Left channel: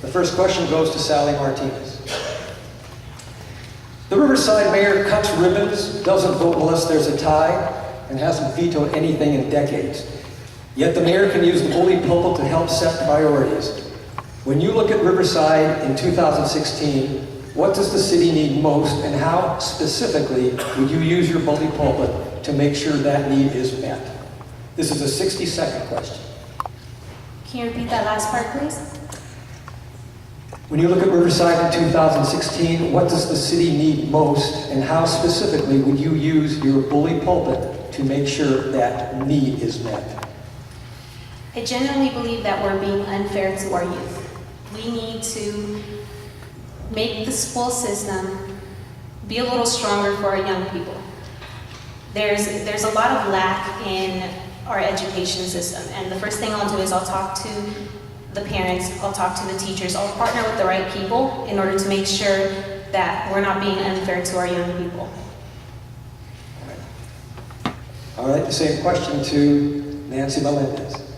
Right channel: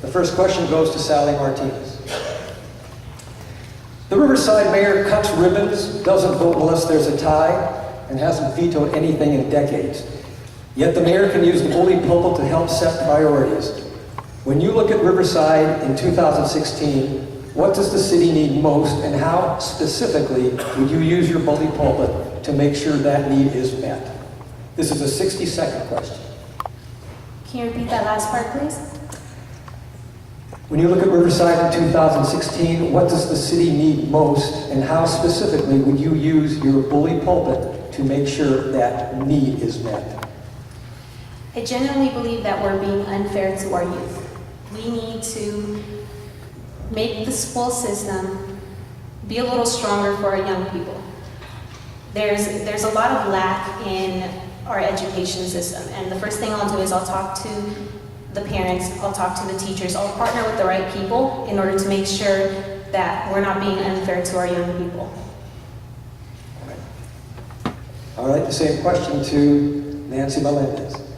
The first question goes to Sally Martinez. The Riverside mayor cuts ribbons, doesn't vote unless there's a tie, and hasn't vetoed anything in decades. Yet the mayor can use the bully pulpit to help set priorities. When you look at Riverside in 2016, what does the city need most, and how specifically would you use your bully pulpit to make sure that need is met? This is a 60-second question. Can you repeat that last part, please? When you look at Riverside in 2016, what does the city need most, and how specifically would you use your bully pulpit to make sure that need is met? I genuinely believe that we're being unfair to our youth. We need to make the school system be a little stronger for our young people. There's a lot of lack in our education system, and the first thing I'll do is I'll talk to the parents, I'll talk to the teachers, I'll partner with the right people in order to make sure that we're not being unfair to our young people. All right, the same question to Nancy Melendez.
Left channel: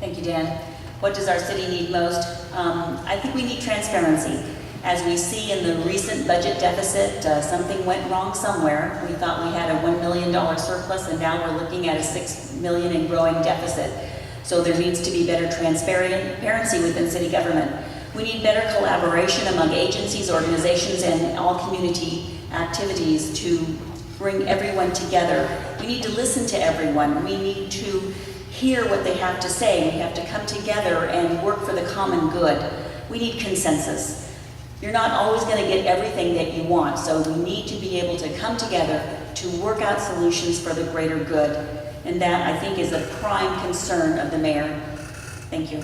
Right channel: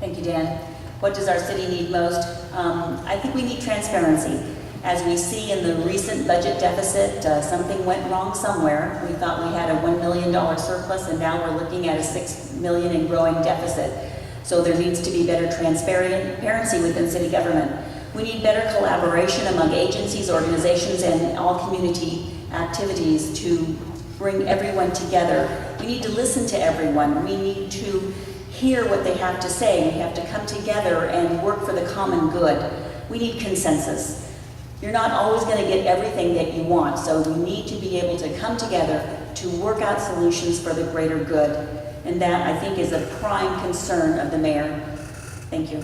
Thank you, Dan. What does our city need most? I think we need transparency. As we see in the recent budget deficit, something went wrong somewhere. We thought we had a $1 million surplus, and now we're looking at a $6 million and growing deficit. So there needs to be better transparency within city government. We need better collaboration among agencies, organizations, and all community activities to bring everyone together. We need to listen to everyone. We need to hear what they have to say. We have to come together and work for the common good. We need consensus. You're not always going to get everything that you want, so we need to be able to come together to work out solutions for the greater good. And that, I think, is a prime concern of the mayor. Thank you.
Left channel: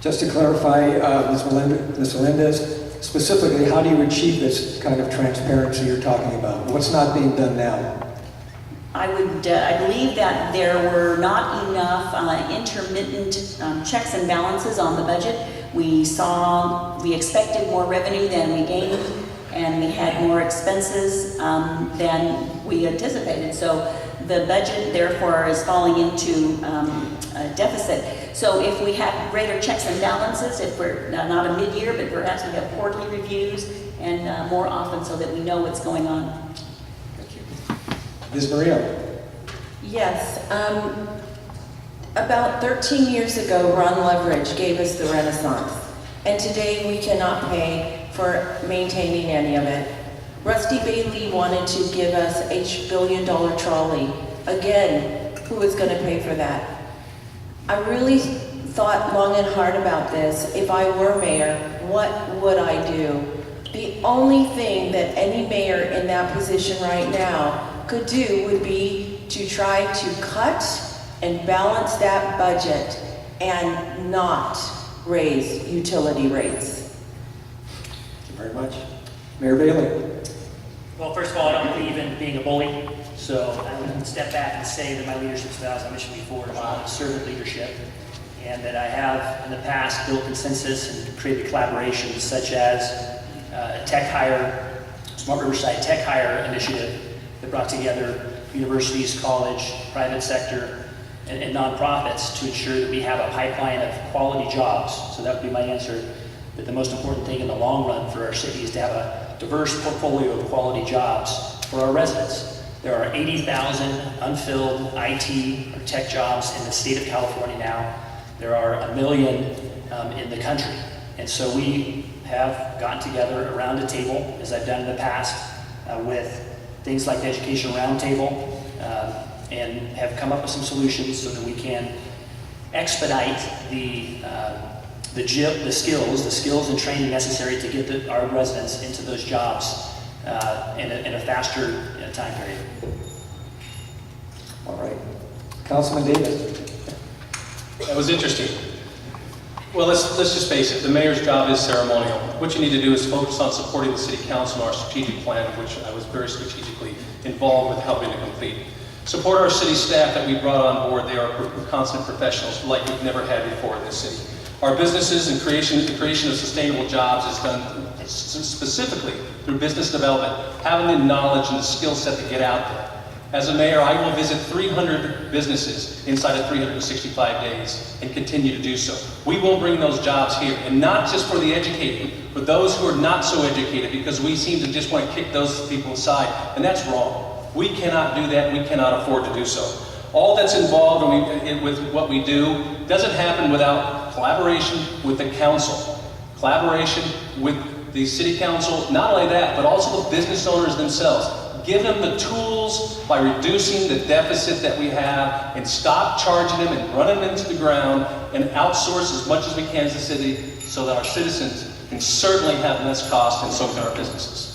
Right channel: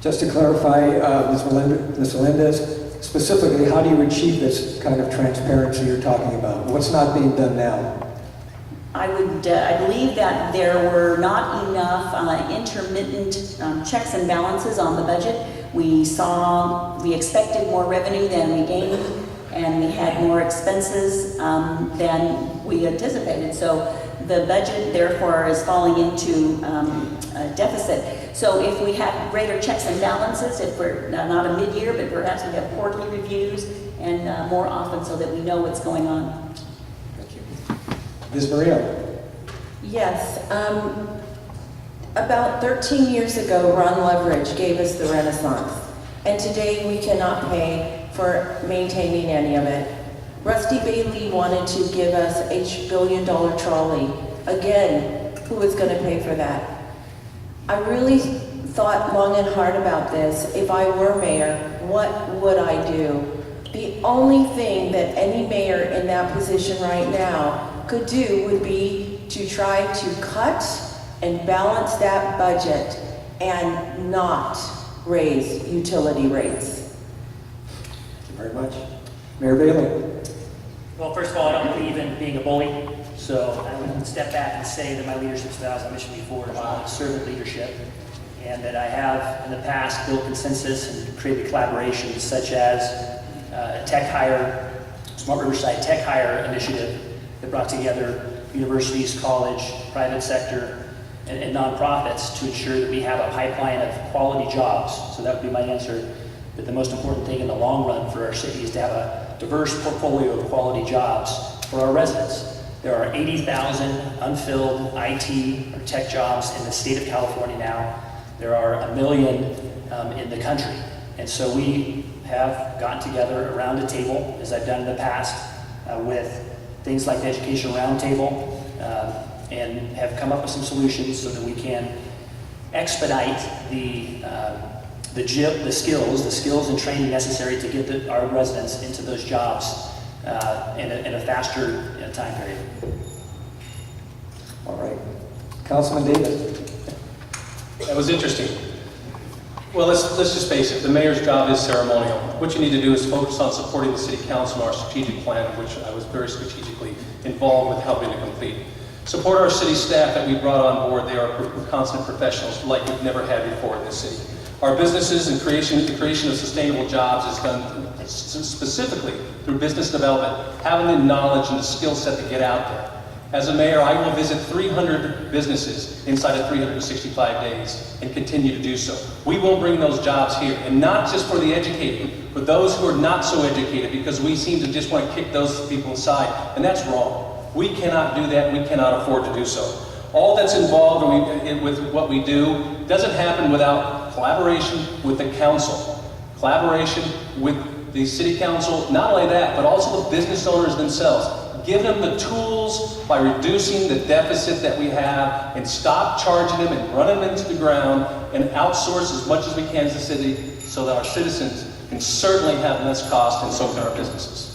Just to clarify, Ms. Melendez, specifically, how do you achieve this kind of transparency you're talking about? What's not being done now? I believe that there were not enough intermittent checks and balances on the budget. We expected more revenue than we gained, and we had more expenses than we anticipated. So the budget, therefore, is falling into a deficit. So if we have greater checks and balances, if we're not a mid-year, but perhaps we have quarterly reviews and more often so that we know what's going on. Thank you. Ms. Maria. Yes. About 13 years ago, Ron Leverage gave us the Renaissance, and today we cannot pay for maintaining any of it. Rusty Bailey wanted to give us a billion-dollar trolley. Again, who is going to pay for that? I really thought long and hard about this. If I were mayor, what would I do? The only thing that any mayor in that position right now could do would be to try to cut and balance that budget and not raise utility rates. Thank you very much. Mayor Bailey. Well, first of all, I don't believe in being a bully, so I would step back and say that my leadership style, as I mentioned before, is one of servant leadership, and that I have in the past built consensus and created collaborations such as a tech hire, Smart Riverside Tech Hire initiative that brought together universities, college, private sector, and nonprofits to ensure that we have a pipeline of quality jobs. So that would be my answer, that the most important thing in the long run for our city is to have a diverse portfolio of quality jobs for our residents. There are 80,000 unfilled IT or tech jobs in the state of California now. There are 1 million in the country. And so we have gotten together around a table, as I've done in the past, with things like the Education Roundtable, and have come up with some solutions so that we can expedite the skills and training necessary to get our residents into those jobs in a faster time period. All right. Councilman Davis. That was interesting. Well, let's just face it, the mayor's job is ceremonial. What you need to do is focus on supporting the city council and our strategic plan, which I was very strategically involved with helping to complete. Support our city staff that we brought on board. They are consummate professionals like we've never had before in this city. Our businesses and the creation of sustainable jobs is done specifically through business development, having the knowledge and the skill set to get out there. As a mayor, I will visit 300 businesses inside of 365 days and continue to do so. We will bring those jobs here, and not just for the educated, for those who are not so educated, because we seem to just want to kick those people aside, and that's wrong. We cannot do that, we cannot afford to do so. All that's involved with what we do doesn't happen without collaboration with the council, collaboration with the city council, not only that, but also the business owners themselves. Give them the tools by reducing the deficit that we have and stop charging them and running them into the ground and outsource as much as we can as a city so that our citizens can certainly have less cost and so can our businesses.